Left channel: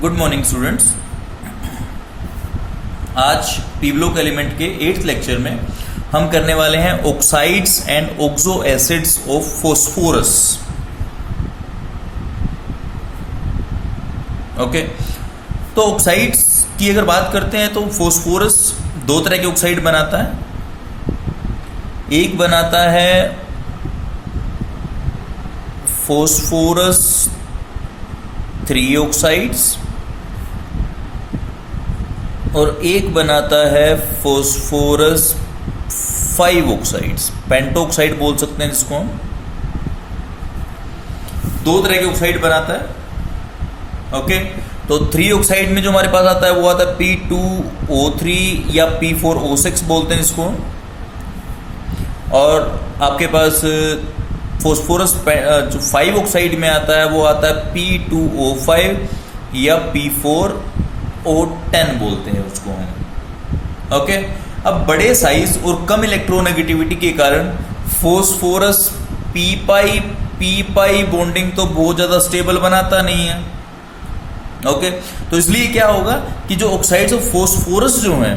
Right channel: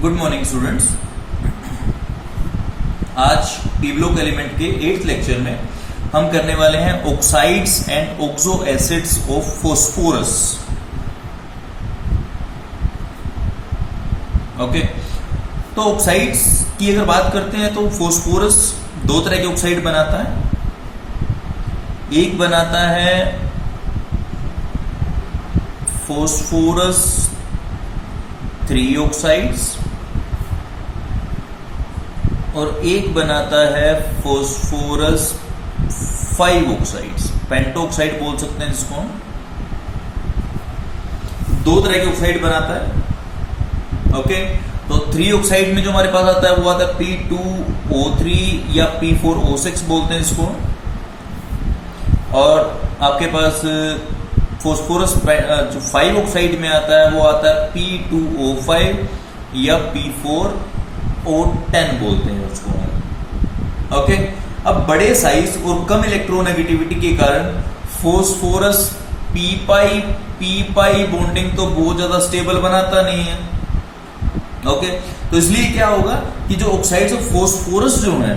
Good morning students. आज P block element के 8th lecture में हम करने वाले हैं oxides and oxo acids of phosphorus. Okay, तो ऑक्साइड्स की अगर बात करते हैं तो फॉस्फोरस दो तरह के ऑक्साइड बनाता है। एक बनाता है फॉस्फोरस 3 ऑक्साइड्स और एक बनाता है फॉस्फोरस 5 ऑक्साइड्स, पेंटो ऑक्साइड बोल सकते हैं जिसको हम। दो तरह के ऑक्साइड बनाता है। ओके, तो 3 ऑक्साइड में जो हमारे पास आता है वो आता है P2O3 या P4O6 बोलते हैं इसको। और आपके पास फॉस्फोरस जो 5 ऑक्साइड में आता है वो आता है P2O5 या P4O10 बोलते हैं उसको हम। ओके, अब बड़े साइज और कम इलेक्ट्रोनेगेटिविटी के कारण फॉस्फोरस पी पाई बॉन्डिंग तो बहुत ज्यादा स्टेबल बनाता नहीं है। ओके, तो इसलिए क्या होगा कि जो ऑक्साइड्स ऑफ फॉस्फोरस जो हैं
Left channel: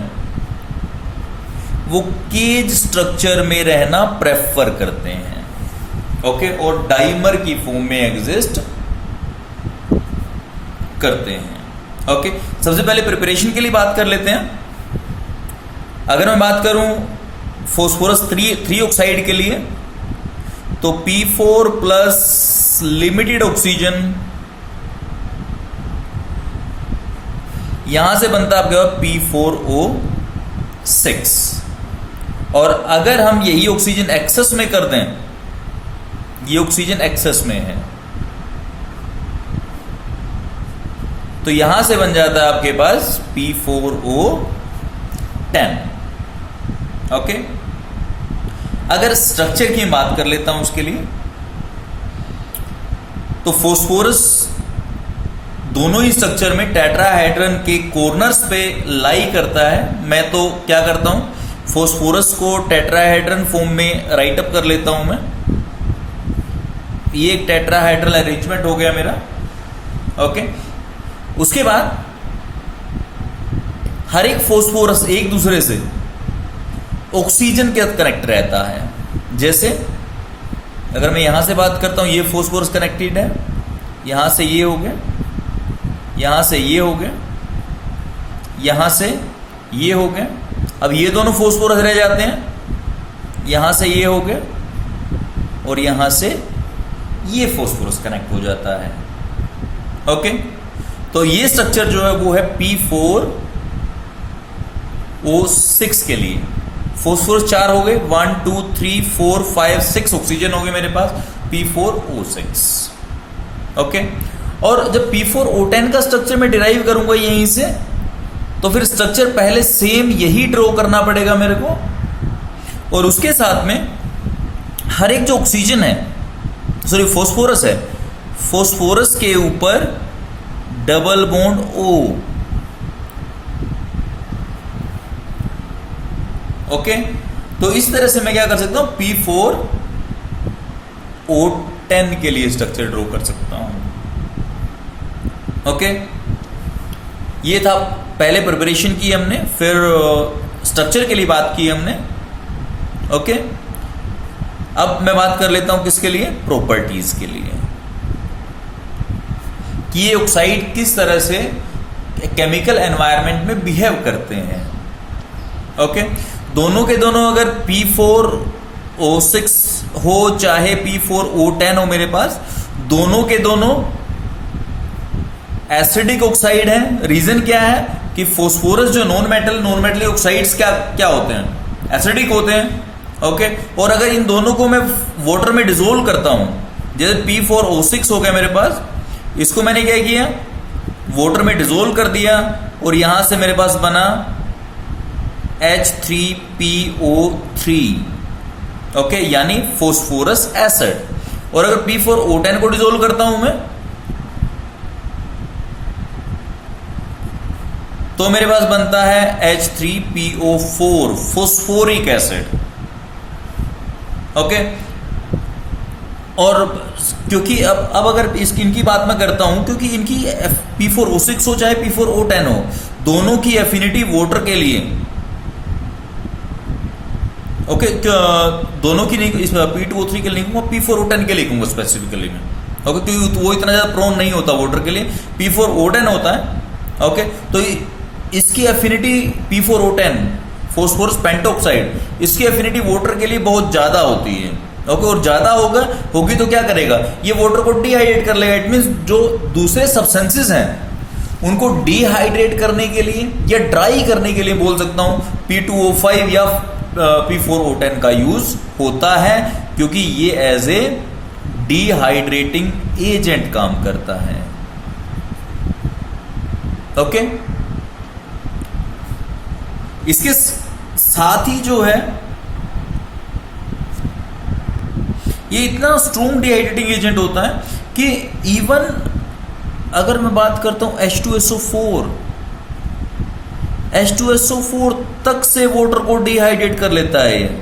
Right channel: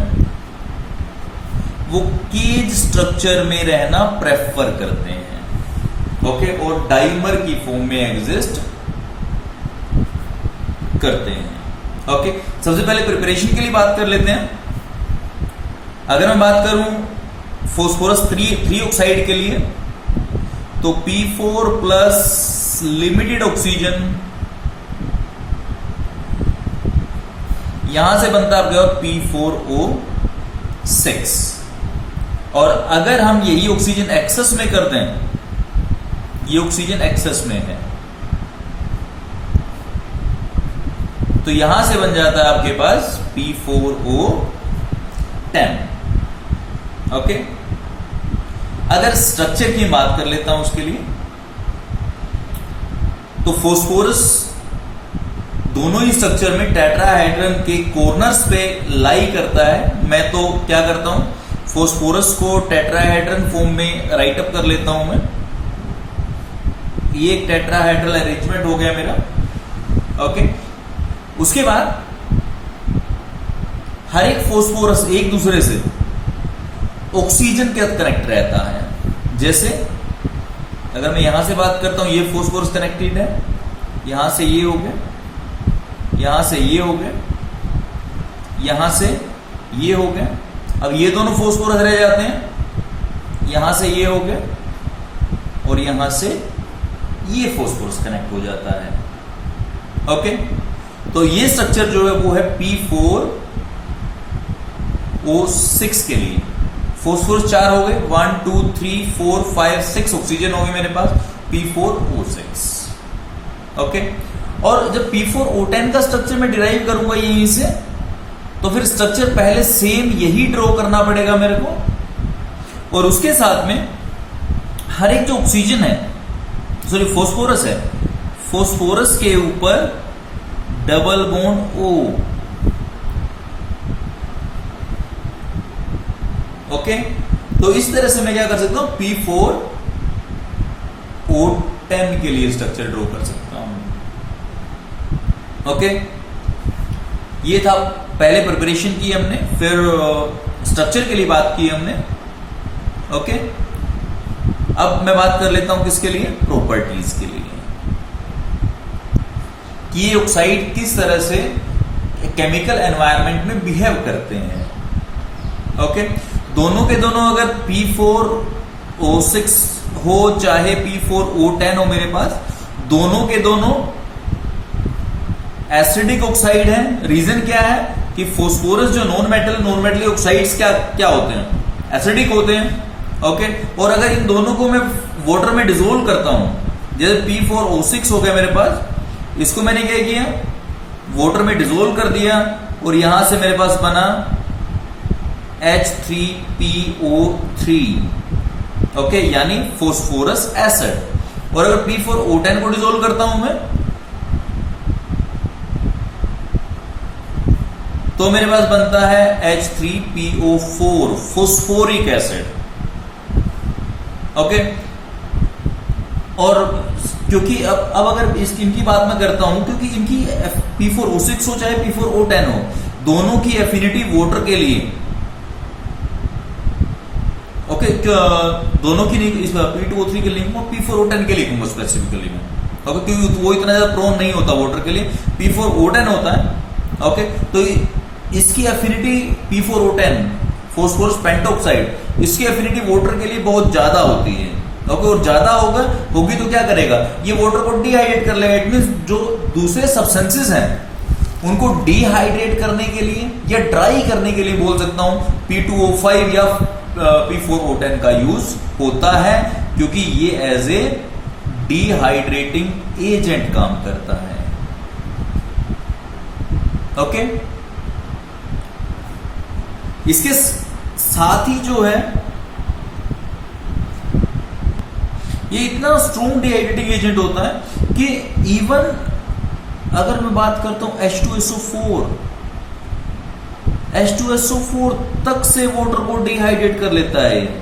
वो केज स्ट्रक्चर में रहना प्रेफर करते हैं। ओके, और डाइमर की फॉर्म में एग्जिस्ट करते हैं। ओके, सबसे पहले प्रिपरेशन के लिए बात कर लेते हैं। अगर मैं बात करूं फॉस्फोरस 3 ऑक्साइड के लिए तो P4 प्लस लिमिटेड ऑक्सीजन यहां से बनता है आपके P4O6। और अगर हम यही ऑक्सीजन एक्सेस में कर दें, ये ऑक्सीजन एक्सेस में है, तो यहां से बन जाता है आपके पास P4O10। ओके, अगर स्ट्रक्चर की बात कर लेता हूं उसके लिए तो फॉस्फोरस दोनों ही स्ट्रक्चर में टेट्राहेड्रन के कॉर्नर्स पे लाई करता है। मैं तो क्या करता हूं, फॉस्फोरस को टेट्राहेड्रन फॉर्म में राइट अप कर लेता हूं मैं। ये एक टेट्राहेड्रल अरेंजमेंट हो गया मेरा। ओके, उसके बाद हर एक फॉस्फोरस एक दूसरे से ऑक्सीजन के साथ कनेक्ट रहता है। जैसे अगर मैं यहां से बात करता हूं, ये फॉस्फोरस कनेक्टेड है, यहां से ये हो गया, यहां से ये हो गया, यहां से ये हो गया। अब ये दोनों फॉस्फोरस रह जाते हैं, यहां से ये हो गया और यहां से ये फॉस्फोरस कनेक्ट हो जाता है। ओके, तो ये स्ट्रक्चर जो है वो है P4O6 के लिए। फॉस्फोरस 4 हो गए, 1 2 3 4 5 6 ऑक्सीजन हो गए मेरे पास P4O6। ओके, और जब P4O10 का स्ट्रक्चर मैं डिराइव करूंगा यहीं से, तो फिर स्ट्रक्चर पहले सेम यही ड्रॉ करना पड़ेगा मेरे को। और उसके साथ में हर एक जो ऑक्सीजन है, सॉरी फॉस्फोरस है, फॉस्फोरस के ऊपर डबल बॉन्ड O। ओके, तो इस तरह से मैं क्या कर सकता हूं, P4O10 के लिए स्ट्रक्चर ड्रॉ कर सकता हूं। ओके, ये था पहले प्रिपरेशन की हमने, फिर स्ट्रक्चर के लिए बात की हमने। ओके, अब मैं बात कर लेता हूं किसके लिए, प्रॉपर्टीज के लिए, कि ये ऑक्साइड किस तरह से केमिकल एनवायरनमेंट में बिहेव करते हैं। ओके, दोनों के दोनों अगर P4O6 हो चाहे P4O10 हो मेरे पास, दोनों के दोनों एसिडिक ऑक्साइड है। रीजन क्या है कि फॉस्फोरस जो नॉन मेटल ऑक्साइड्स क्या होते हैं, एसिडिक होते हैं। ओके, और अगर इन दोनों को मैं वाटर में डिसोल्व करता हूं, जैसे P4O6 हो गया मेरे पास, इसको मैंने क्या किया, वाटर में डिसोल्व कर दिया और यहां से मेरे पास बना H3PO3। ओके, यानी फॉस्फोरस एसिड। और अगर P4O10 को डिसोल्व करता हूं मैं, तो मेरे पास बनता है H3PO4 फॉस्फोरिक एसिड। ओके, और क्योंकि अब अगर इनकी बात मैं करता हूं, क्योंकि इनकी P4O6 हो चाहे P4O10 हो, दोनों की एफिनिटी वाटर के लिए ओके दोनों की नहीं, इस P2O3 के लिए लिखूंगा, P4O10 के लिए लिखूंगा स्पेसिफिकली में ओके, क्योंकि वो इतना ज्यादा प्रोन नहीं होता वाटर के लिए, P4O10 होता है ओके। तो इसकी एफिनिटी P4O10 फॉस्फोरस पेंटोक्साइड, इसकी एफिनिटी वाटर के लिए बहुत ज्यादा होती है ओके, और ज्यादा होगी तो क्या करेगा, ये वाटर को डिहाइड्रेट कर लेगा। इट मींस जो दूसरे सब्सटेंसेस हैं उनको डिहाइड्रेट करने के लिए या ड्राई करने के लिए बोल सकता हूं P2O5 या P4O10 का यूज होता है, क्योंकि ये एज ए डिहाइड्रेटिंग एजेंट काम करता है ओके। इसके साथ ही जो है ये इतना स्ट्रॉन्ग डिहाइड्रेटिंग एजेंट होता है कि इवन अगर मैं बात करता हूं H2SO4 तक से वाटर को डिहाइड्रेट कर लेता है।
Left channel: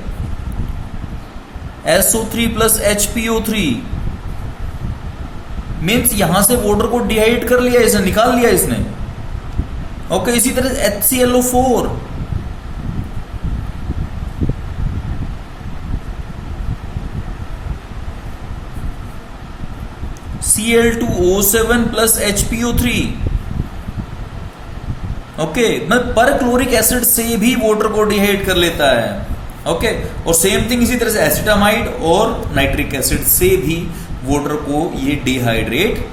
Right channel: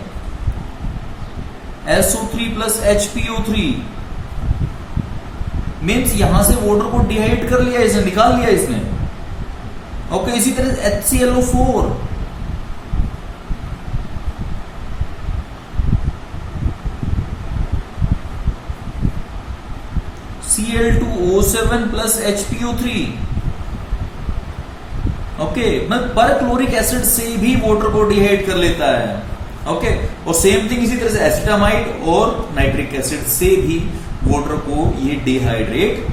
SO3 प्लस HPO3 मीन्स यहां से वाटर को डिहाइड्रेट कर लिया, इसने निकाल लिया इसने ओके। इसी तरह HClO4 Cl2O7 plus HPO3 okay, मैं पर क्लोरिक एसिड से भी वाटर को डिहाइड्रेट कर लेता है ओके। और सेम थिंग इसी तरह से एसिटामाइड और नाइट्रिक एसिड से भी वाटर को ये डिहाइड्रेट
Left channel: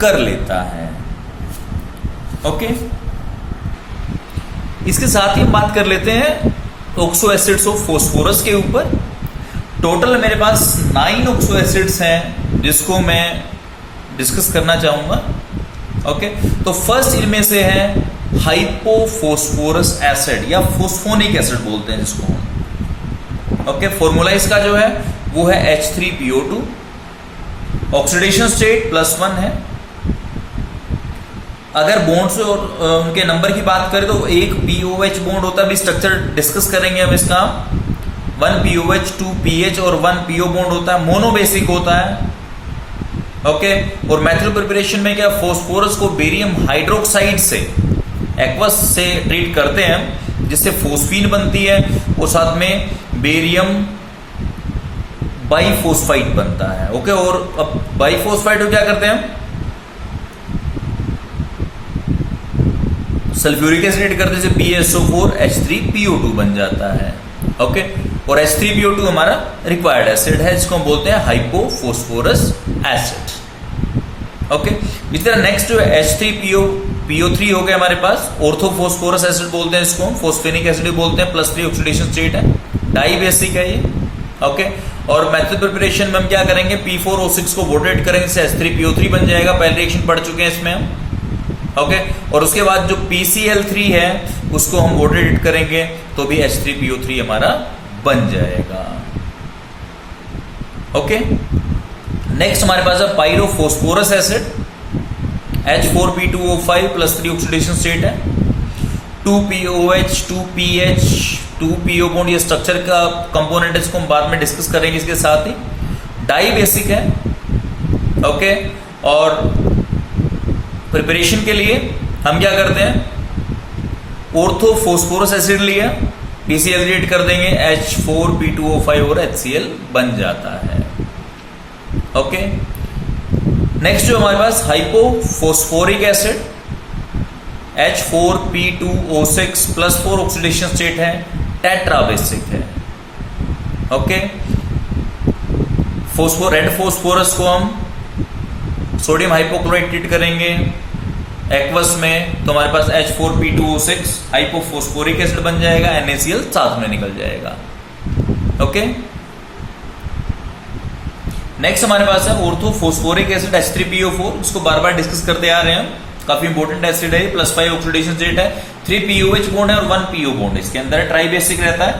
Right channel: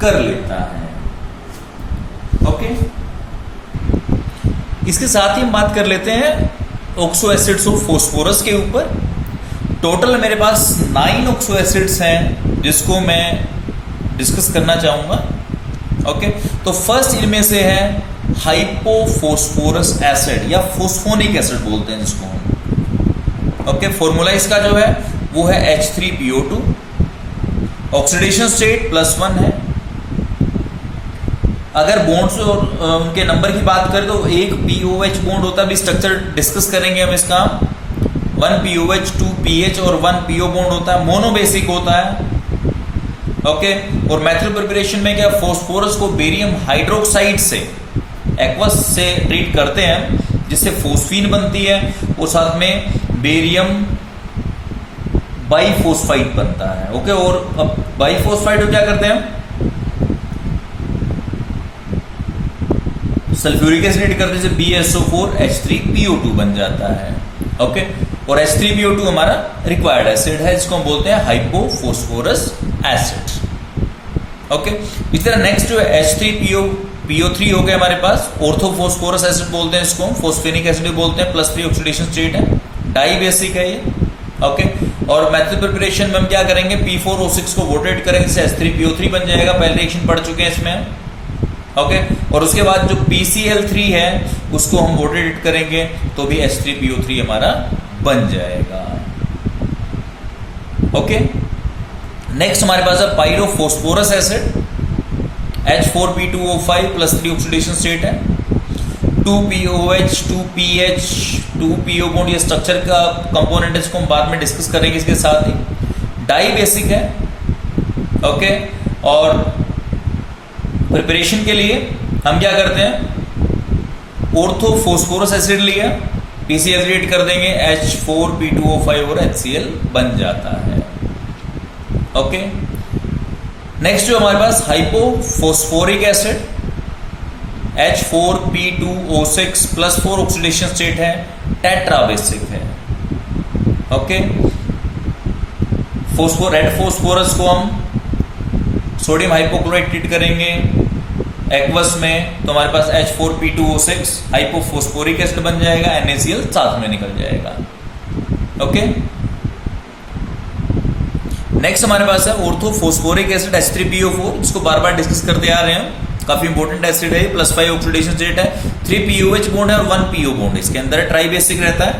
कर लेता है ओके। इसके साथ ही हम बात कर लेते हैं ऑक्सो एसिड्स ऑफ फास्फोरस के ऊपर। टोटल मेरे पास 9 ऑक्सो एसिड्स हैं जिसको मैं डिस्कस करना चाहूंगा ओके। तो फर्स्ट इनमें से है हाइपोफॉस्फोरस एसिड या फोस्फोनिक एसिड बोलते हैं जिसको हम ओके। फॉर्मूला इसका जो है वो है H3PO2, ऑक्सीडेशन स्टेट +1 है। अगर बॉन्ड्स और उनके नंबर की बात करें तो एक POH बॉन्ड होता है, अभी स्ट्रक्चर डिस्कस करेंगे हम इसका। 1 POH 2 PH और 1 PO बॉन्ड होता है, मोनोबेसिक होता है ओके। और मेथड प्रिपरेशन में क्या, फास्फोरस को बेरियम हाइड्रोक्साइड से एक्वस से ट्रीट करते हैं जिससे फोस्फीन बनती है, और साथ में बेरियम बाइफोस्फाइड बनता है ओके। और अब बाइफोस्फाइड को क्या करते हैं, सल्फ्यूरिक एसिड करते हैं, BSO4 H3PO2 बन जाता है ओके। और H3PO2 हमारा रिक्वायर्ड एसिड है जिसको हम बोलते हैं हाइपोफॉस्फोरस एसिड ओके। इस तरह नेक्स्ट जो है H3PO3 हो गया हमारे पास, ऑर्थोफॉस्फोरस एसिड बोलते हैं इसको हम, फोस्फेनिक एसिड बोलते हैं, +3 ऑक्सीडेशन स्टेट है, डाई बेसिक है ये ओके। और मेथड प्रिपरेशन में हम क्या करेंगे, P4O6 को वोटेट करेंगे, इससे H3PO3 बन जाएगा, पहले रिएक्शन पढ़ चुके हैं इसमें हम ओके। और उसके बाद जो PCl3 है उसको हम वोटेट करेंगे तो भी H3PO3 हमारा बन जाएगा ओके। नेक्स्ट हमारे पास है पायरोफॉस्फोरस एसिड, H4P2O5 +3 ऑक्सीडेशन स्टेट है, 2POH 2PH 2PO बॉन्ड, ये स्ट्रक्चर का कंपोनेंट है, इसको हम बाद में डिस्कस करेंगे। इसके साथ ही डाई बेसिक है ओके। और प्रिपरेशन के लिए हम क्या करते हैं, ऑर्थोफॉस्फोरस एसिड लिया, PCl क्रिएट कर देंगे, H4P2O5 और HCl बन जाता है ओके। नेक्स्ट जो हमारे पास hypophosphoric acid, H4P2O6 +4 oxidation state है, टेट्रा बेसिक है ओके। रेड फॉस्फोरस को हम सोडियम हाइपोक्लोराइड ट्रीट करेंगे एक्वस में, तो हमारे पास H4P2O6 हाइपोफॉस्फोरिक एसिड बन जाएगा, NaCl साथ में निकल जाएगा ओके। नेक्स्ट हमारे पास है ऑर्थोफॉस्फोरिक एसिड H3PO4, जिसको बार बार डिस्कस करते आ रहे हैं, काफी इंपॉर्टेंट एसिड है, +5 ऑक्सीडेशन स्टेट है, 3 POH बॉन्ड है और 1 PO बॉन्ड इसके अंदर है, ट्राई बेसिक रहता है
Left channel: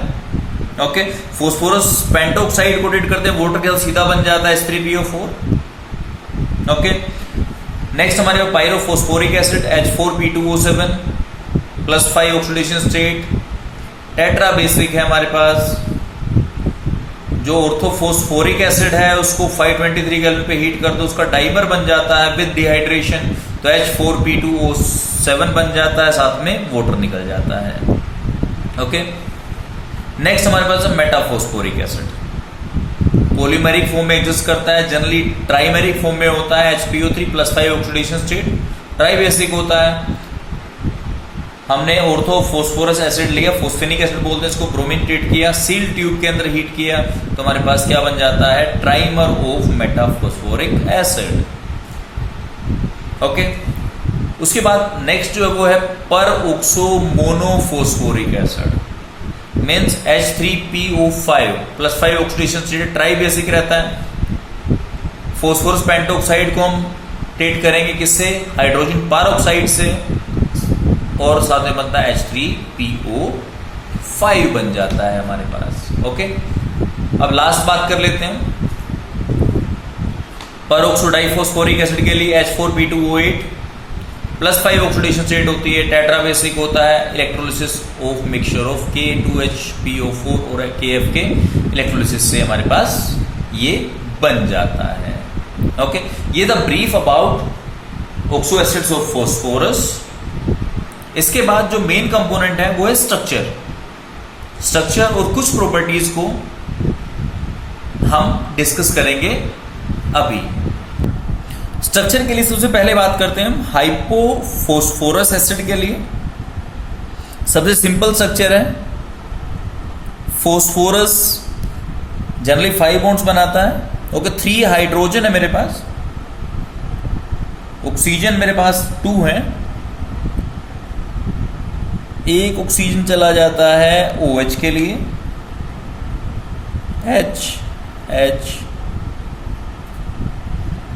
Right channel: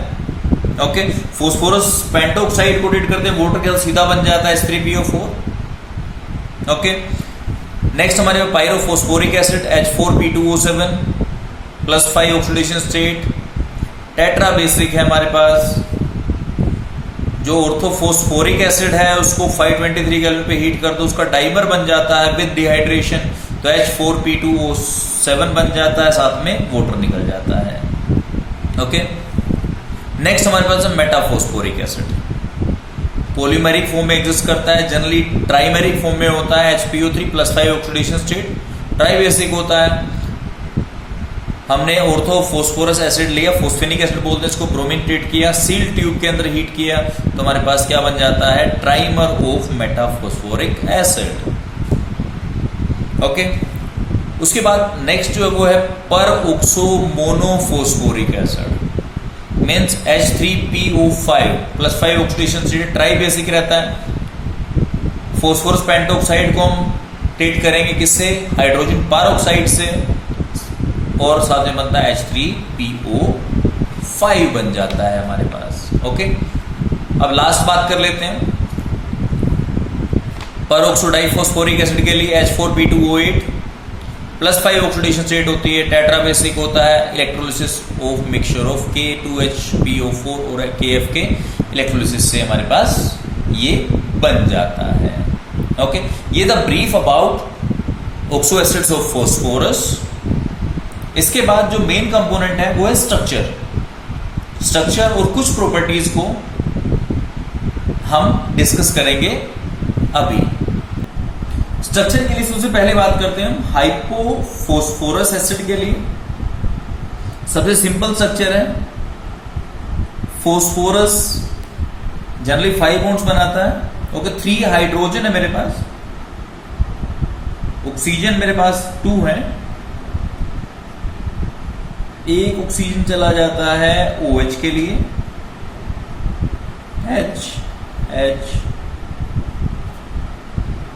ओके। फॉस्फोरस पेंटोक्साइड को ट्रीट करते हैं, वाटर के साथ सीधा बन जाता है H3PO4 ओके। नेक्स्ट हमारे पास pyrophosphoric acid H4P2O7 +5 oxidation state, tetra basic है हमारे पास। जो ऑर्थोफॉस्फोरिक एसिड है उसको 523 केल्विन पे हीट कर दो, उसका डाइमर बन जाता है विद डिहाइड्रेशन, तो तो H4P2O7 बन जाता है, साथ में वाटर निकल जाता है। ओके, नेक्स्ट हमारे पास है मेटाफॉस्फोरिक एसिड। पॉलीमेरिक फॉर्म में एग्जिस्ट करता है, जनरली ट्राइमेरिक फॉर्म में होता है, HPO3+5 ऑक्सीडेशन स्टेट, ट्राइबेसिक होता है। हमने ऑर्थो फॉस्फोरस एसिड लिया, फोस्फेनिक एसिड बोलते हैं इसको, ब्रोमीन ट्रीट किया, सील ट्यूब के अंदर हीट किया, तो हमारे पास क्या बन जाता है, trimer of metaphosphoric acid. Okay, उसके बाद नेक्स्ट जो है वो है peroxo monophosphoric acid, means H3PO5+5 oxidation state, tribasic रहता है। फॉस्फोरस पेंटोक्साइड को हम ट्रीट करेंगे किससे, हाइड्रोजन परऑक्साइड से, और साथ में बनता है H3PO5 बन जाता है हमारे पास। ओके, अब लास्ट बात कर लेते हैं परऑक्सो डाइफॉस्फोरिक एसिड के लिए। H4P2O8+5 ऑक्सीडेशन स्टेट होती है, टेट्राबेसिक होता है, electrolysis of mixture of K2HPO4 और KF के इलेक्ट्रोलिसिस से हमारे पास ये बन जाता है। ओके, ये the brief about oxo acids of phosphorus. इसके बाद जो मेन कंपोनेंट है वो है स्ट्रक्चर और कुछ प्रॉपर्टीज को हम डिस्कस करेंगे अभी। स्ट्रक्चर के लिए सबसे पहले बात करते हैं हाइपोफॉस्फोरस एसिड के लिए। सबसे सिंपल स्ट्रक्चर है, फॉस्फोरस जनरली 5 बॉन्ड्स बनाता है। ओके, 3 हाइड्रोजन है मेरे पास, ऑक्सीजन मेरे पास 2 है, एक ऑक्सीजन चला जाता है OH के लिए, H।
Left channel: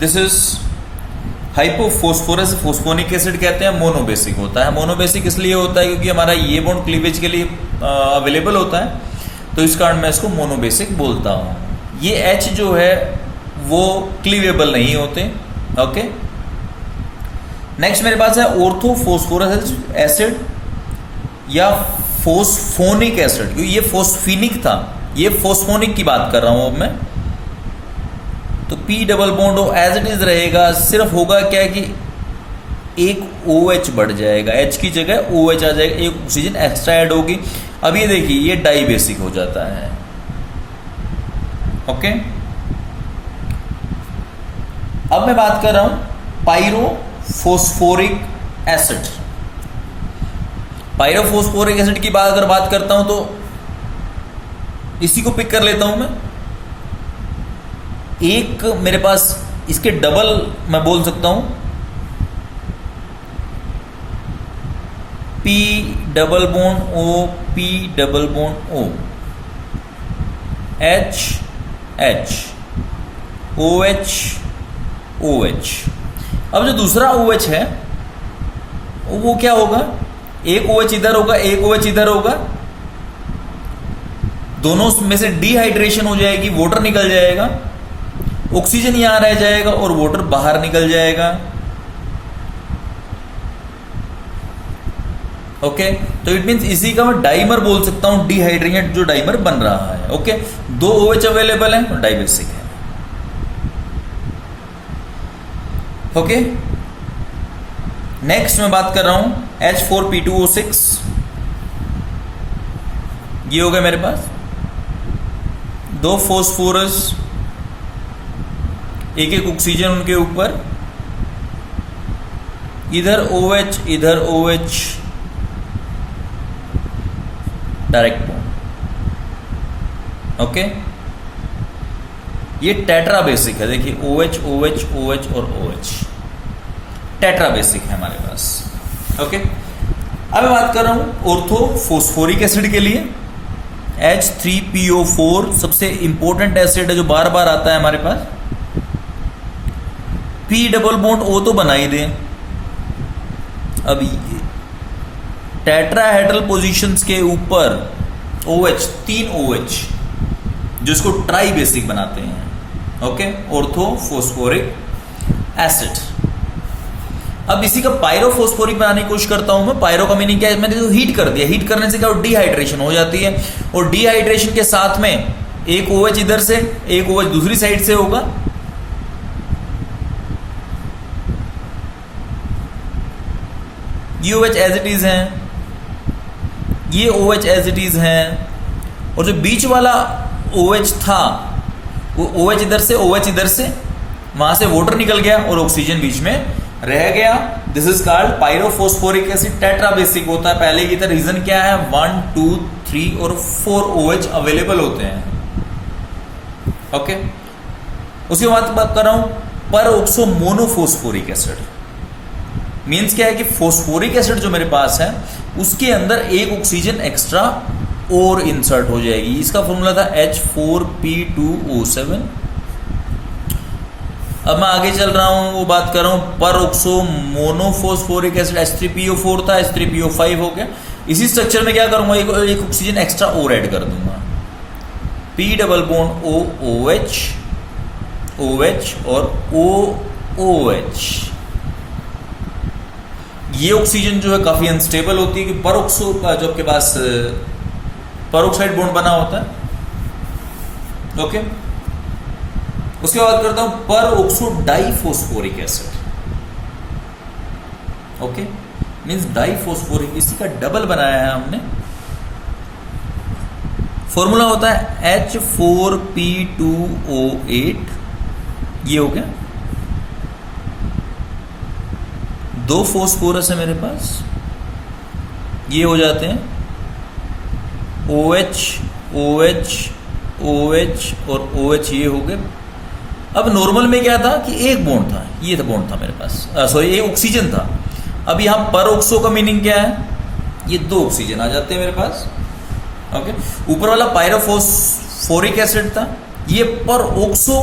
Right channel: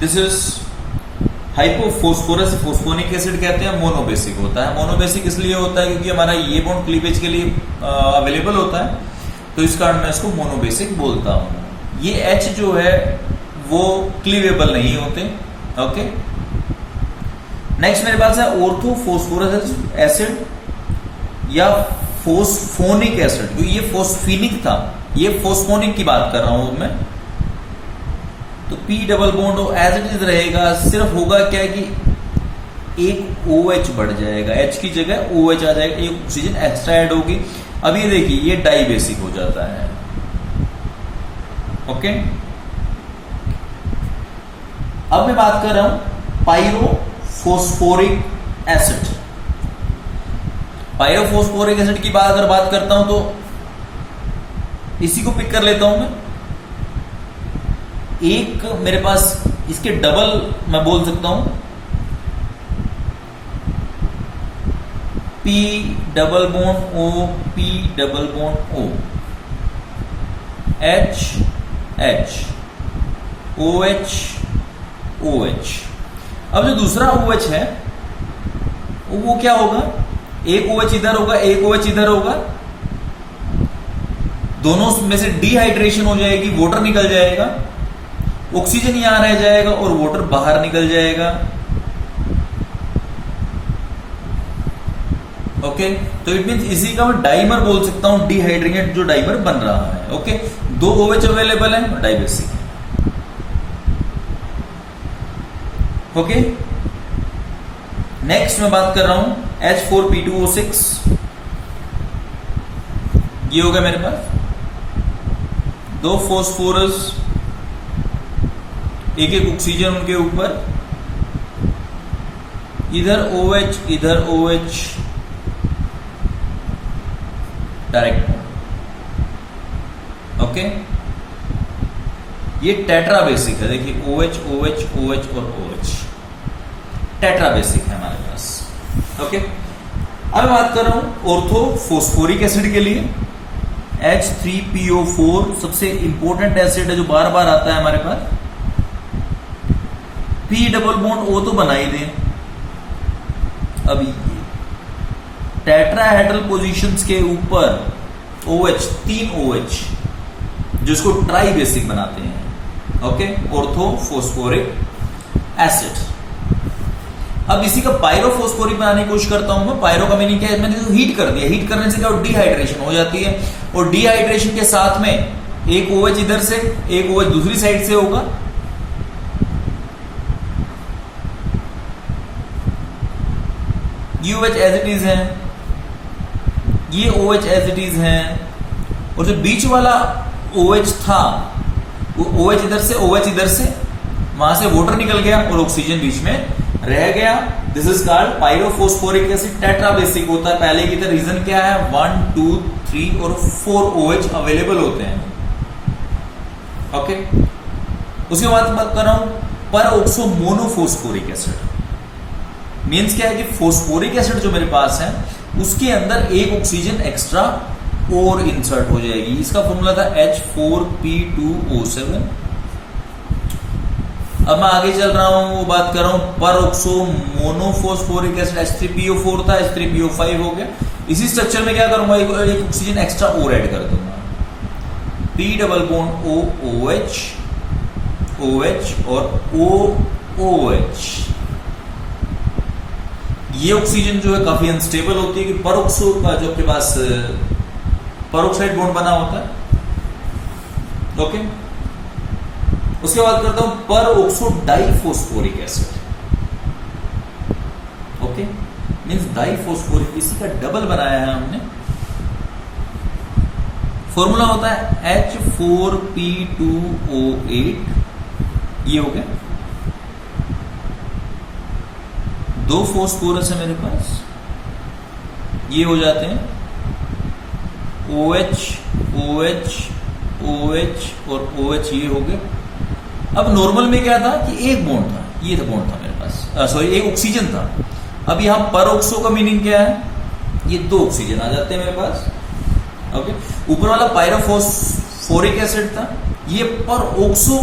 This is hypophosphorous, phosphonic acid कहते हैं, मोनोबेसिक होता है। मोनोबेसिक इसलिए होता है क्योंकि हमारा ये बॉन्ड क्लीवेज के लिए अवेलेबल होता है, तो इस कारण मैं इसको मोनोबेसिक बोलता हूं। ये H जो है वो क्लीवेबल नहीं होते। ओके, नेक्स्ट मेरे पास है ऑर्थोफॉस्फोरस एसिड या फोस्फोनिक एसिड, क्योंकि ये फोस्फिनिक था, ये फोस्फोनिक की बात कर रहा हूं मैं। तो P double bond as it is रहेगा, सिर्फ होगा क्या कि एक OH बढ़ जाएगा, H की जगह OH आ जाएगा, एक ऑक्सीजन एक्स्ट्रा ऐड होगी। अब ये देखिए ये डाइबेसिक हो जाता है। ओके, अब मैं बात कर रहा हूं पायरोफॉस्फोरिक एसिड। पायरोफॉस्फोरिक एसिड की बात करता हूं तो इसी को पिक कर लेता हूं मैं। एक मेरे पास इसके डबल मैं बोल सकता हूं, P double bond O, P double bond O, H OH OH। अब जो दूसरा OH है वो क्या होगा, एक OH इधर होगा, एक OH इधर होगा, दोनों में से डिहाइड्रेशन हो जाएगी, वाटर निकल जाएगा, ऑक्सीजन यहां रह जाएगा और वाटर बाहर निकल जाएगा। ओके, तो इट मींस इसी का मैं डाइमर बोल सकता हूं, डिहाइड्रेटेड जो डाइमर बन रहा है। ओके, 2 OH अवेलेबल है, डाइबेसिक है। ओके, नेक्स्ट मैं बात कर रहा हूं H4P2O6। ये हो गया मेरे पास 2 फॉस्फोरस, एक ऑक्सीजन उनके ऊपर, इधर OH इधर OH, डायरेक्ट। ओके, ये टेट्रा बेसिक है, देखिए OH OH OH और OH, टेट्रा बेसिक है हमारे पास। ओके, अब मैं बात कर रहा हूं ऑर्थोफॉस्फोरिक एसिड के लिए। H3PO4 सबसे इंपॉर्टेंट एसिड है जो बार बार आता है हमारे पास। P डबल बॉन्ड O तो बना ही दे। अब टेट्राहेड्रल पोजीशंस के ऊपर OH, 3 OH जो इसको ट्राई बेसिक बनाते हैं। Okay, orthophosphoric acid. अब इसी का पायरोफॉस्फोरिक बनाने की कोशिश करता हूं मैं। पायरो का मीनिंग क्या है, मैंने तो हीट कर दिया, हीट करने से क्या डिहाइड्रेशन हो जाती है, और डिहाइड्रेशन के साथ में एक OH इधर से, एक OH दूसरी साइड से होगा। ये OH एज इट इज है, ये OH एज इट इज है, और जो बीच वाला OH था वो OH इधर से, OH इधर से, वहां से वाटर निकल गया और ऑक्सीजन बीच में रह गया। This is called pyrophosphoric acid. Tetra basic होता है पहले की तरह। रीजन क्या है, 1 2 3 और 4 OH अवेलेबल होते हैं। ओके, उसके बाद बात कर रहा हूं पर ऑक्सो मोनोफॉस्फोरिक एसिड। मींस क्या है कि फॉस्फोरिक एसिड जो मेरे पास है उसके अंदर एक ऑक्सीजन एक्स्ट्रा और इंसर्ट हो जाएगी। इसका फॉर्मूला था H4P2O7। अब मैं आगे चल रहा हूं, वो बात कर रहा हूं पर ऑक्सो मोनोफॉस्फोरिक एसिड। H3PO4 था, H3PO5 हो गया। इसी स्ट्रक्चर में क्या करूंगा, एक ऑक्सीजन एक्स्ट्रा और ऐड कर दूंगा, P double bond OOH, OH और OOH। ये ऑक्सीजन जो है काफी अनस्टेबल होती है कि परऑक्सो का जो आपके पास परऑक्साइड बॉन्ड बना होता है। ओके, उसके बाद करता हूं परऑक्सो डाइफॉस्फोरिक एसिड। ओके, मींस डाइफॉस्फोरिक, इसी का डबल बनाया है हमने। फॉर्मूला होता है H4P2O8। ये हो गया, 2 फॉस्फोरस है मेरे पास, ये हो जाते हैं OH OH OH और OH, ये हो गए। अब नॉर्मल में क्या था कि एक बॉन्ड था, ये था बॉन्ड था मेरे पास, सॉरी एक ऑक्सीजन था। अब यहां परऑक्सो का मीनिंग क्या है, ये 2 ऑक्सीजन आ जाते हैं मेरे पास। ओके, ऊपर वाला पायरोफॉस्फोरिक एसिड था, ये परऑक्सो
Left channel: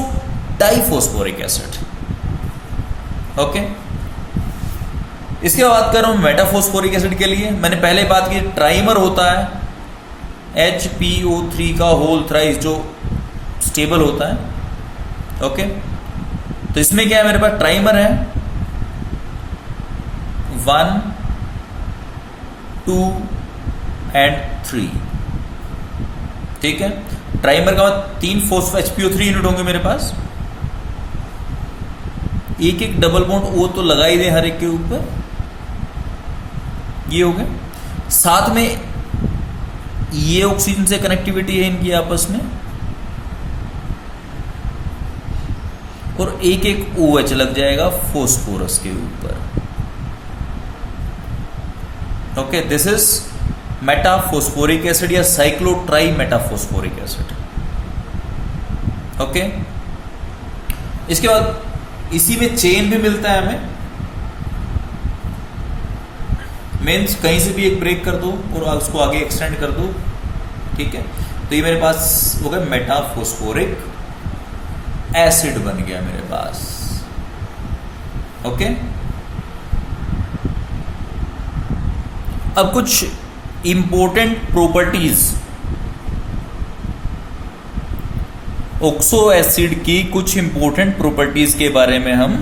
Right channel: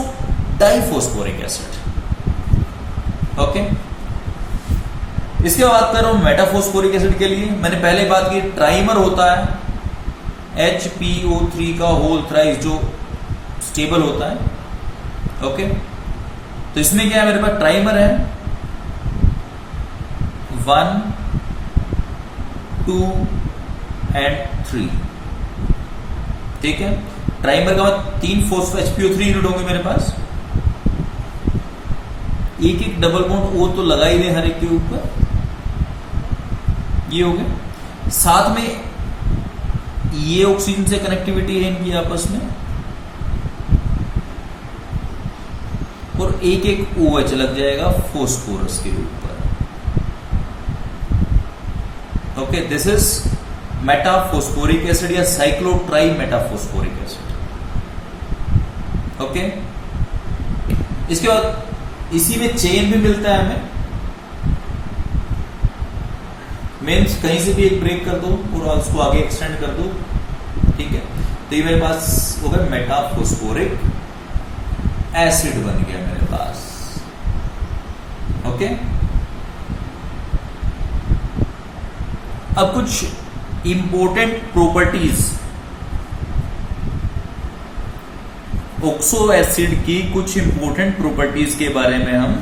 डाइफॉस्फोरिक एसिड। ओके, इसके बाद कर रहा हूं मेटाफॉस्फोरिक एसिड के लिए। मैंने पहले बात की, ट्राइमर होता है HPO3 का होल थ्राइस जो स्टेबल होता है। ओके, तो इसमें क्या है, मेरे पास ट्राइमर है 1 2 एंड 3। ठीक है, ट्राइमर का बाद 3 HPO3 यूनिट होंगे मेरे पास। एक एक डबल बॉन्ड O तो लगा ही दे हर एक के ऊपर, ये हो गए। साथ में ये ऑक्सीजन से कनेक्टिविटी है इनकी आपस में, और एक एक OH लग जाएगा फॉस्फोरस के ऊपर। Okay, this is metaphosphoric acid या साइक्लोट्राई मेटाफॉस्फोरिक एसिड। ओके, इसके बाद इसी में चेन भी मिलता है हमें। मीन्स कहीं से भी एक ब्रेक कर दो और उसको आगे एक्सटेंड कर दो। ठीक है, तो ये मेरे पास हो गया मेटाफॉस्फोरिक एसिड बन गया मेरे पास। ओके, अब कुछ इंपॉर्टेंट प्रॉपर्टीज ऑक्सो एसिड की, कुछ इंपॉर्टेंट प्रॉपर्टीज के बारे में हम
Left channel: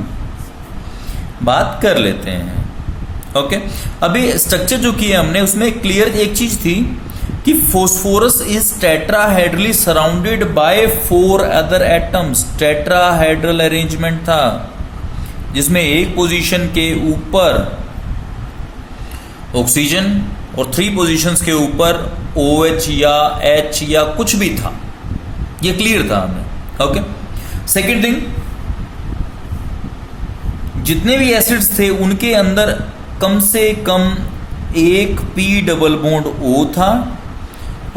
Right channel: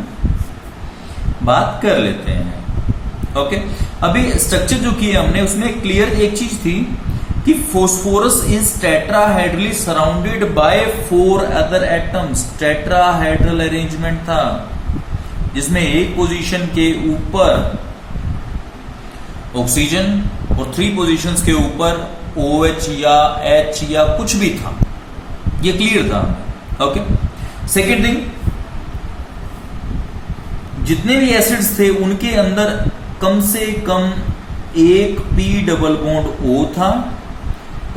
बात कर लेते हैं। ओके, अभी स्ट्रक्चर जो किया हमने उसमें क्लियर एक चीज थी कि phosphorus is tetrahedrally surrounded by 4 other atoms. Tetrahedral arrangement था जिसमें एक पोजीशन के ऊपर ऑक्सीजन और 3 पोजीशंस के ऊपर OH या H या कुछ भी था। ये क्लियर था हमें। ओके, सेकेंड थिंग, जितने भी एसिड्स थे उनके अंदर कम से कम एक P डबल बॉन्ड O था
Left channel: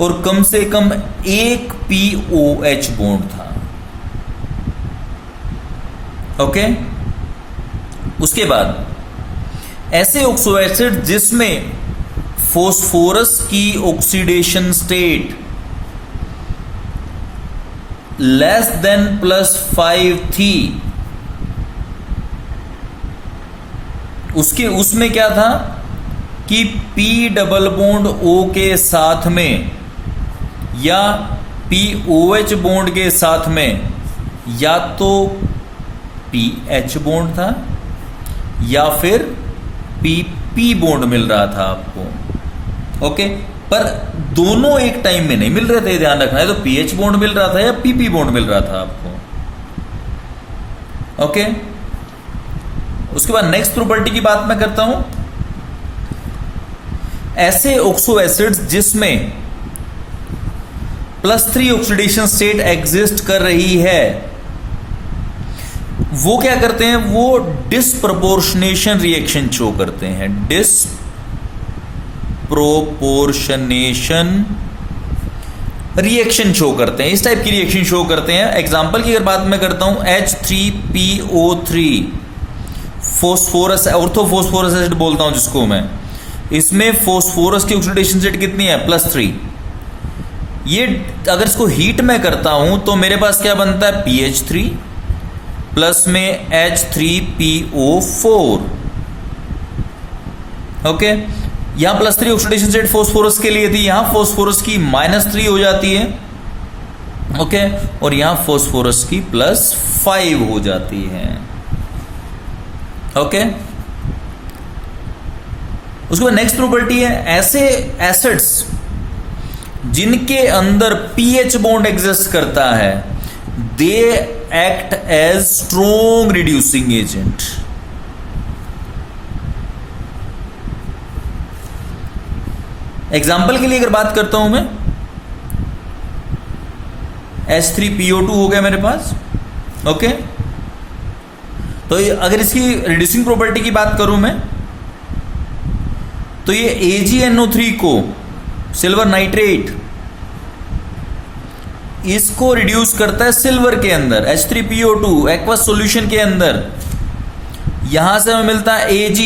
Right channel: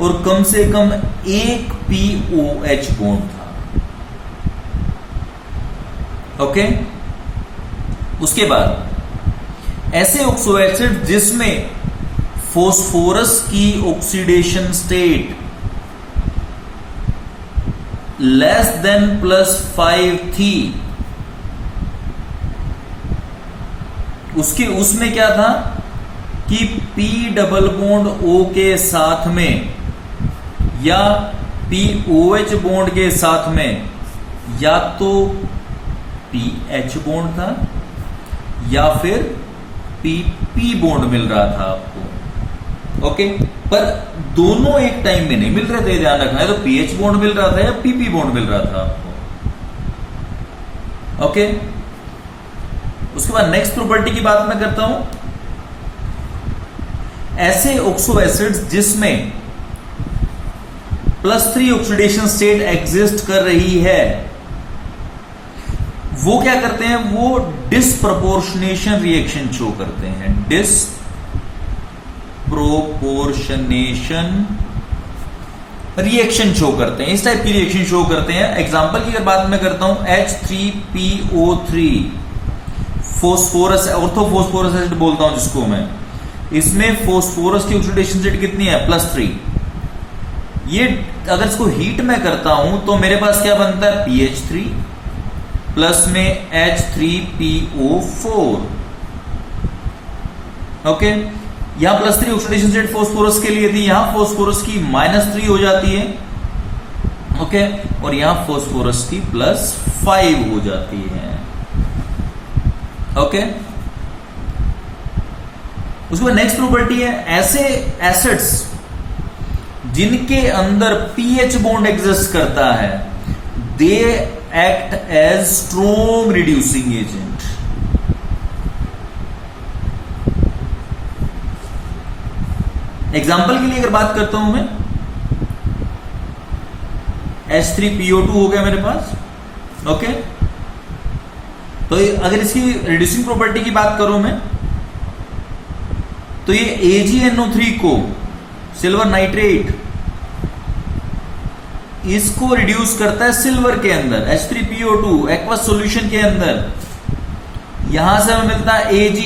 और कम से कम एक POH बॉन्ड था। ओके, उसके बाद ऐसे ऑक्सो एसिड जिसमें फॉस्फोरस की ऑक्सीडेशन स्टेट लेस देन +5 थी, उसमें क्या था कि P डबल बॉन्ड O के साथ में या POH बॉन्ड के साथ में या तो PH बॉन्ड था या फिर PP बॉन्ड मिल रहा था आपको। ओके, पर दोनों एक टाइम में नहीं मिल रहे थे, ध्यान रखना है। तो PH बॉन्ड मिल रहा था या PP बॉन्ड मिल रहा था आपको। ओके, उसके बाद नेक्स्ट प्रॉपर्टी की बात मैं करता हूं ऐसे ऑक्सो एसिड्स जिसमें +3 ऑक्सीडेशन स्टेट एग्जिस्ट कर रही है, वो क्या करते हैं, वो डिस्प्रपोर्शनेशन रिएक्शन शो करते हैं। डिस्प्रोपोर्शनेशन रिएक्शन शो करते हैं, इस टाइप की रिएक्शन शो करते हैं। एग्जांपल की अगर बात मैं करता हूं, H3PO3 फोस्फोरस, ऑर्थोफोस्फोरस एसिड बोलता हूं जिसको मैं, इसमें फोस्फोरस की ऑक्सीडेशन स्टेट कितनी है, +3। ये अगर इसको हीट में करता हूं तो मेरे पास क्या बनता है, PH3 प्लस में H3PO4। ओके, यहां +3 ऑक्सीडेशन स्टेट फोस्फोरस के लिए थी, यहां फोस्फोरस की -3 हो जाती है। ओके, और यहां फोस्फोरस की +5 हो जाती है। ओके, उसके बाद नेक्स्ट प्रॉपर्टी है, ऐसे एसिड्स जिनके अंदर pH बॉन्ड एग्जिस्ट करता है, they act as strong reducing agent. Example के लिए अगर बात करता हूं मैं, H3PO2 हो गया मेरे पास। ओके, तो अगर इसकी रिड्यूसिंग प्रॉपर्टी की बात करूं मैं, तो ये AgNO3 को, सिल्वर नाइट्रेट, इसको रिड्यूस करता है सिल्वर के अंदर, H3PO2 एक्वस सॉल्यूशन के अंदर। यहां से हमें मिलता है Ag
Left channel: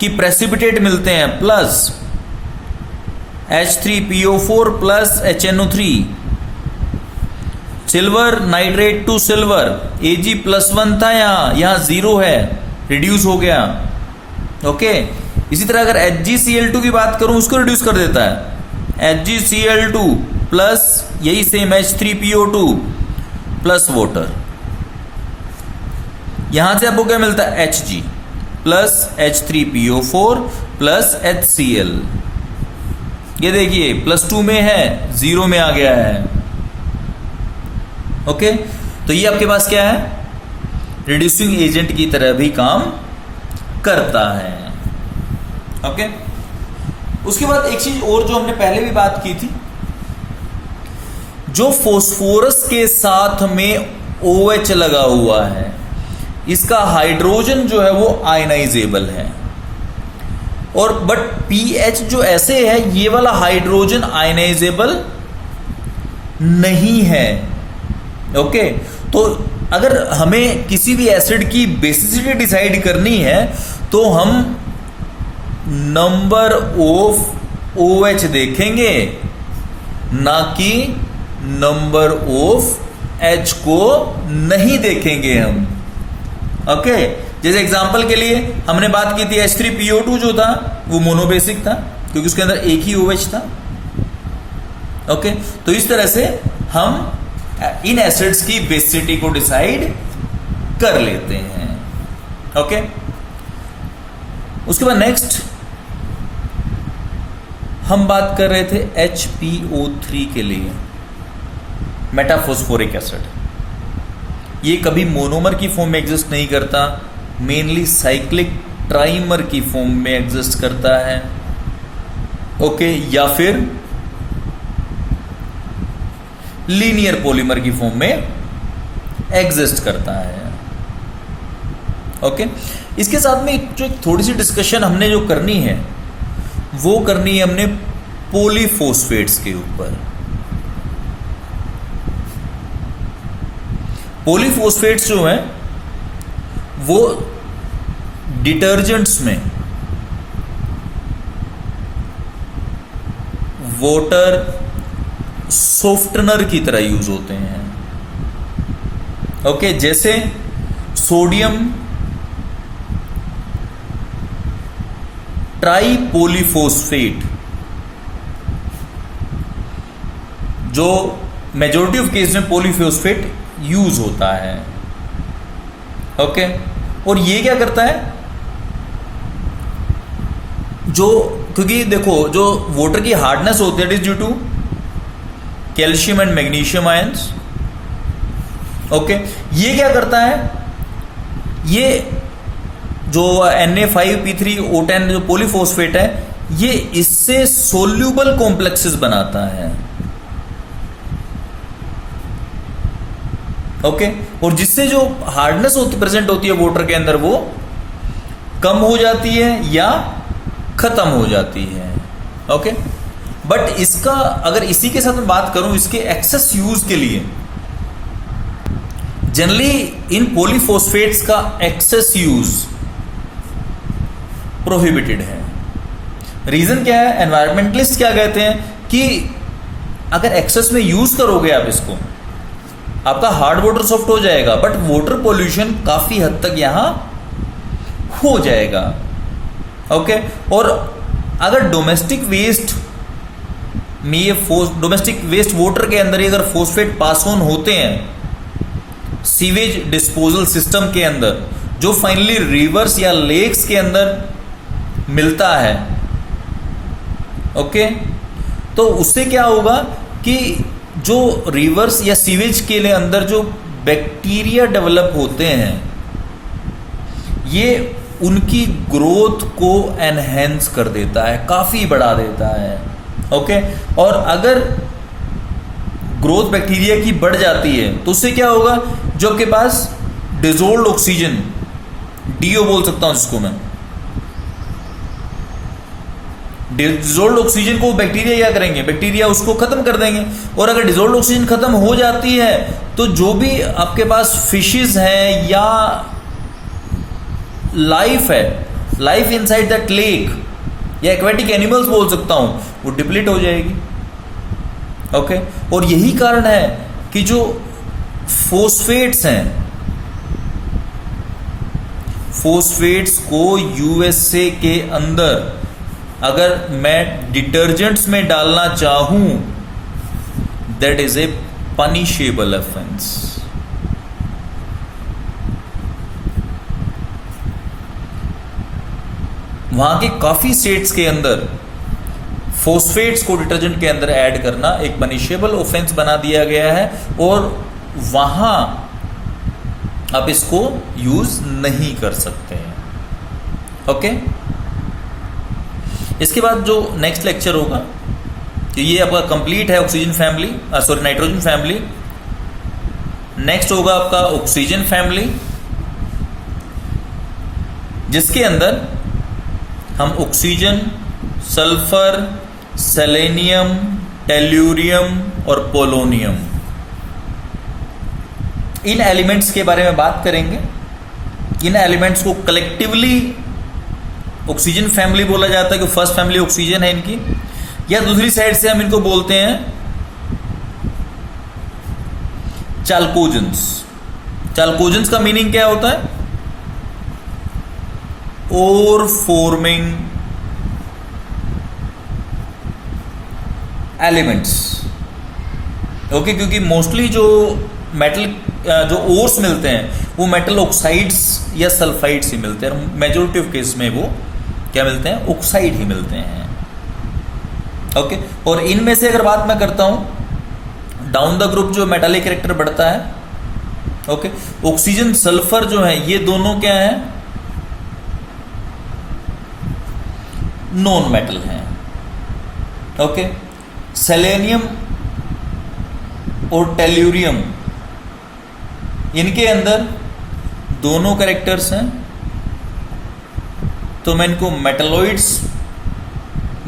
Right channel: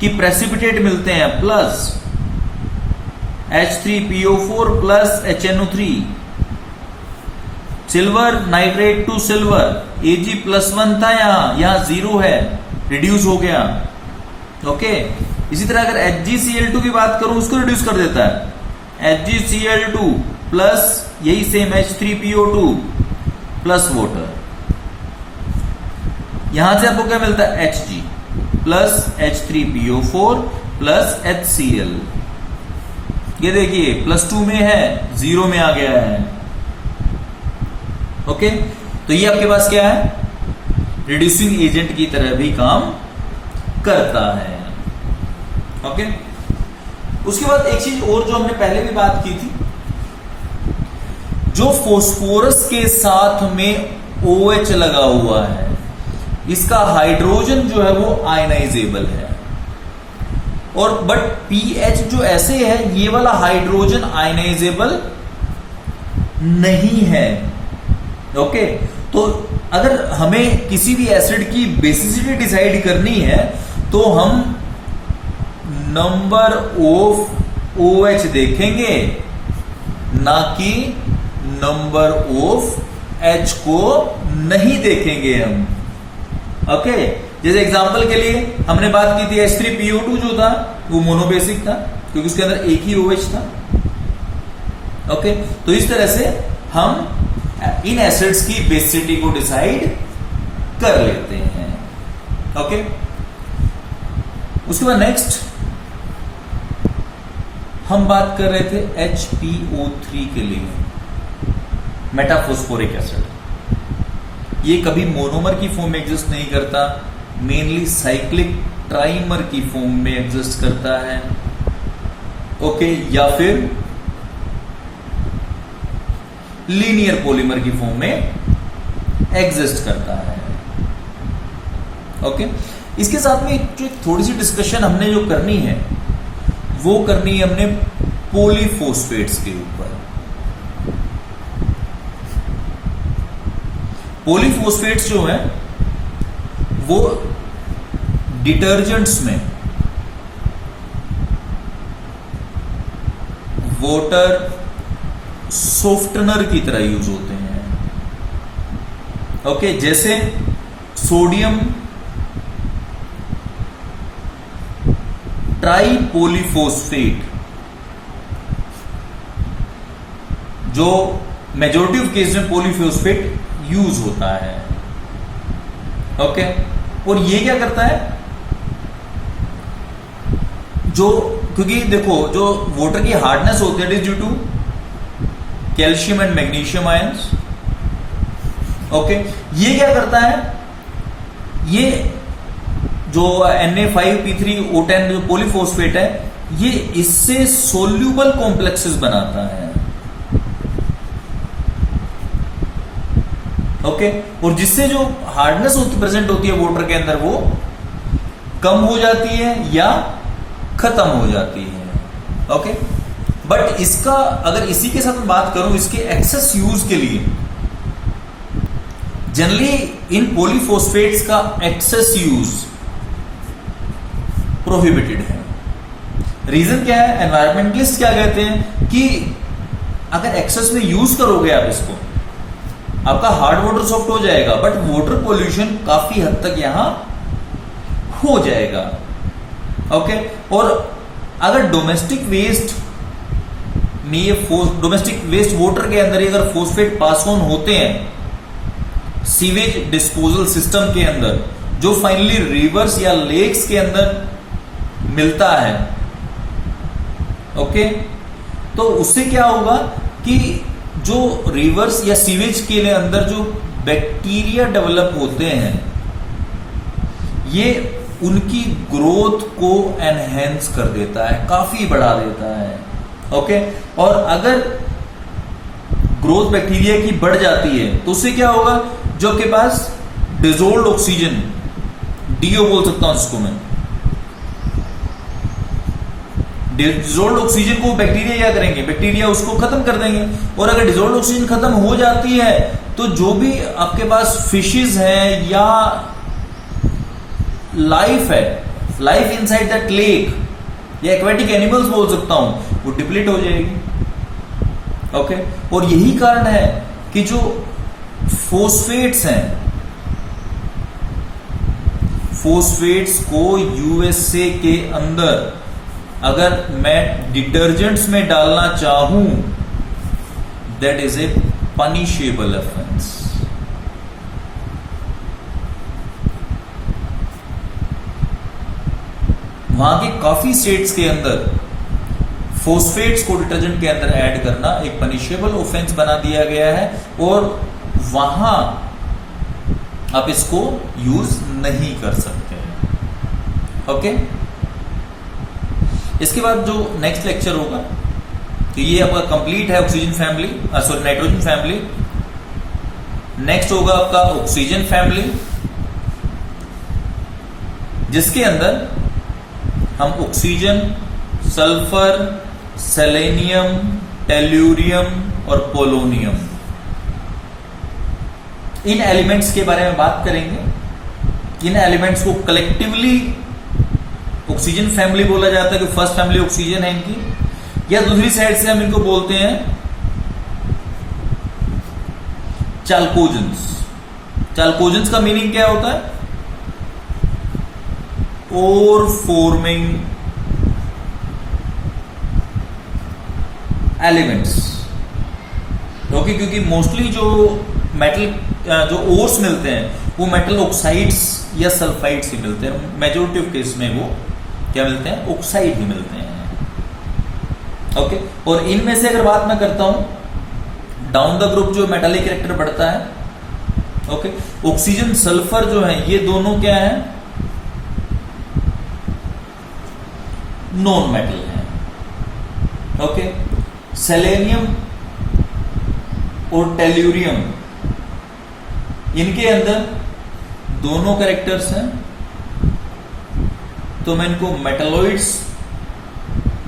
की प्रेसिपिटेट मिलते हैं, plus H3PO4 plus HNO3, silver nitrate to silver, Ag+1 था, यहां 0 है, रिड्यूस हो गया। ओके, इसी तरह अगर HgCl2 की बात करूं, उसको रिड्यूस कर देता है, HgCl2 प्लस यही सेम H3PO2 प्लस वाटर। यहां से आपको क्या मिलता है, Hg plus H3PO4 plus HCl। ये देखिए +2 में है, 0 में आ गया है। ओके, तो ये आपके पास क्या है, रिड्यूसिंग एजेंट की तरह भी काम करता है। ओके, उसके बाद एक चीज और जो हमने पहले भी बात की थी, जो फोस्फोरस के साथ में OH लगा हुआ है, इसका हाइड्रोजन जो है वो आयनाइजेबल है, और बट pH जो ऐसे है, ये वाला हाइड्रोजन आयनाइजेबल नहीं है। ओके, तो अगर हमें किसी भी एसिड की बेसिसिटी डिसाइड करनी है, तो हम नंबर ऑफ OH देखेंगे, ना कि नंबर ऑफ H को नहीं देखेंगे हम। ओके, जैसे एग्जांपल के लिए हमने बात की थी, H3PO2 जो था वो मोनोबेसिक था, क्योंकि उसके अंदर एक ही OH था। ओके, तो इस तरह से हम इन एसिड्स की बेसिसिटी को डिसाइड कर लेते हैं। ओके, उसके बाद नेक्स्ट हम बात कर रहे थे HPO3 के लिए, मेटाफॉस्फोरिक एसिड। ये कभी मोनोमर की फॉर्म में एग्जिस्ट नहीं करता, मेनली साइक्लिक ट्राइमर की फॉर्म में एग्जिस्ट करता है। ओके, या फिर लीनियर पॉलीमर की फॉर्म में एग्जिस्ट करता है। ओके, इसके साथ में जो एक थोड़ी सी डिस्कशन हमने जो करनी है, वो करनी है हमने पॉलीफॉस्फेट्स के ऊपर। पॉलीफॉस्फेट्स जो हैं वो डिटर्जेंट्स में वाटर सॉफ्टनर की तरह यूज होते हैं। ओके, जैसे सोडियम ट्राइपॉलीफॉस्फेट, जो मेजॉरिटी ऑफ केस में पॉलीफॉस्फेट यूज होता है। ओके, और ये क्या करता है, जो क्योंकि देखो जो वाटर की हार्डनेस होती है, it is due to calcium and magnesium ions. Okay, ये क्या करता है, ये जो Na5P3O10 जो पॉलीफॉस्फेट है, ये इससे सोल्यूबल कॉम्प्लेक्सेस बनाता है। ओके, और जिससे जो हार्डनेस प्रेजेंट होती है वाटर के अंदर वो कम हो जाती है या खत्म हो जाती है। ओके, बट इसका अगर इसी के साथ मैं बात करूं इसके एक्सेस यूज के लिए, जनरली इन पॉलीफॉस्फेट्स का एक्सेस यूज प्रोहिबिटेड है। रीजन क्या है? एनवायरमेंटलिस्ट क्या कहते हैं कि अगर एक्सेस में यूज करोगे आप इसको, आपका हार्ड वाटर सॉफ्ट हो जाएगा, बट वाटर पोल्यूशन काफी हद तक यहां हो जाएगा। ओके, और अगर डोमेस्टिक वेस्ट में ये डोमेस्टिक वेस्ट वाटर के अंदर अगर फॉस्फेट पास ऑन होते हैं सीवेज डिस्पोजल सिस्टम के अंदर, जो फाइनली रिवर्स या लेक्स के अंदर मिलता है, ओके, तो उससे क्या होगा कि जो रिवर्स या सीवेज के लिए अंदर जो बैक्टीरिया डेवलप होते हैं ये उनकी ग्रोथ को एनहेंस कर देता है, काफी बढ़ा देता है। ओके, और अगर ग्रोथ बैक्टीरिया की बढ़ जाती है तो उससे क्या होगा, जो आपके पास डिजोल्ड ऑक्सीजन, डीओ बोल सकता हूं जिसको मैं, डिजोल्ड ऑक्सीजन को बैक्टीरिया क्या करेंगे, बैक्टीरिया उसको खत्म कर देंगे। और अगर डिजोल्ड ऑक्सीजन खत्म हो जाती है तो जो भी आपके पास फिशेस हैं या लाइफ है, लाइफ इनसाइड दैट लेक या एक्वेटिक एनिमल्स बोल सकता हूं, वो डिप्लीट हो जाएगी। ओके, और यही कारण है कि जो फॉस्फेट्स हैं, फॉस्फेट्स को यूएसए के अंदर अगर मैं डिटर्जेंट्स में डालना चाहूं, that is a punishable offence. वहां के काफी स्टेट्स के अंदर फॉस्फेट्स को डिटर्जेंट के अंदर ऐड करना एक पनिशेबल ऑफेंस बना दिया गया है, और वहां आप इसको यूज नहीं कर सकते हैं। ओके, इसके बाद जो नेक्स्ट लेक्चर होगा, तो ये आपका कंप्लीट है oxygen family, sorry nitrogen family. Next होगा आपका ऑक्सीजन फैमिली, जिसके अंदर हम ऑक्सीजन, सल्फर, सेलेनियम, टेल्यूरियम और पोलोनियम, इन एलिमेंट्स के बारे में बात करेंगे। इन एलिमेंट्स को कलेक्टिवली ऑक्सीजन फैमिली बोला जाता है कि फर्स्ट फैमिली ऑक्सीजन है इनकी, या दूसरी साइड से हम इनको बोलते हैं चाल्कोजेंस। चाल्कोजेंस का मीनिंग क्या होता है? ओर फॉर्मिंग एलिमेंट्स। ओके, क्योंकि मोस्टली जो मेटल जो ओर्स मिलते हैं वो मेटल ऑक्साइड्स या सल्फाइड्स ही मिलते हैं। मेजोरिटी ऑफ केस में वो क्या मिलते हैं? ऑक्साइड ही मिलते हैं। ओके, और इनमें से अगर बात मैं करता हूं डाउन द ग्रुप जो मेटालिक कैरेक्टर बढ़ता है, ओके, ऑक्सीजन सल्फर जो है ये दोनों क्या है? नॉन मेटल है। ओके, सेलेनियम और टेल्यूरियम इनके अंदर दोनों कैरेक्टर्स हैं, तो मैं इनको मेटालॉइड्स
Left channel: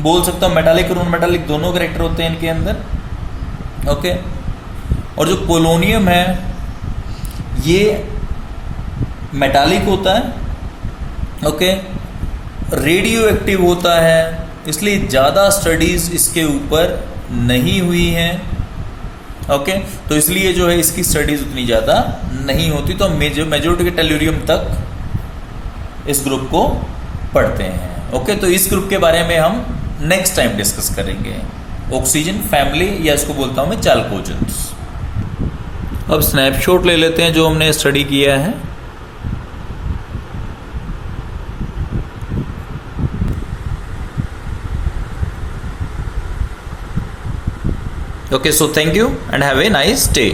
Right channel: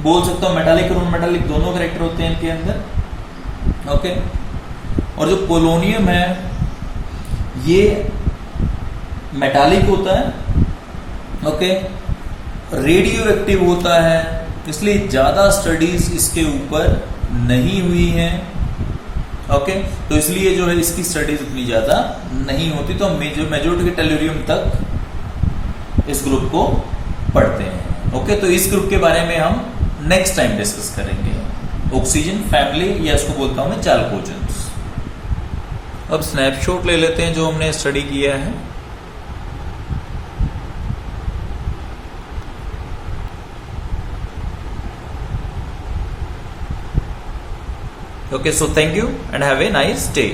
बोल सकता हूं। मेटालिक और नॉन मेटालिक दोनों कैरेक्टर होते हैं इनके अंदर। ओके, और जो पोलोनियम है ये मेटालिक होता है। ओके, रेडियो एक्टिव होता है, इसलिए ज्यादा स्टडीज इसके ऊपर नहीं हुई हैं। ओके, तो इसलिए जो है इसकी स्टडीज उतनी ज्यादा नहीं होती, तो मेजोरिटी के टेल्यूरियम तक इस ग्रुप को पढ़ते हैं। ओके, तो इस ग्रुप के बारे में हम नेक्स्ट टाइम डिस्कस करेंगे, ऑक्सीजन फैमिली, या इसको बोलता हूं मैं चाल्कोजेंस। अब स्नैपशॉट ले लेते हैं जो हमने स्टडी किया है। Okay, so thank you and have a nice day.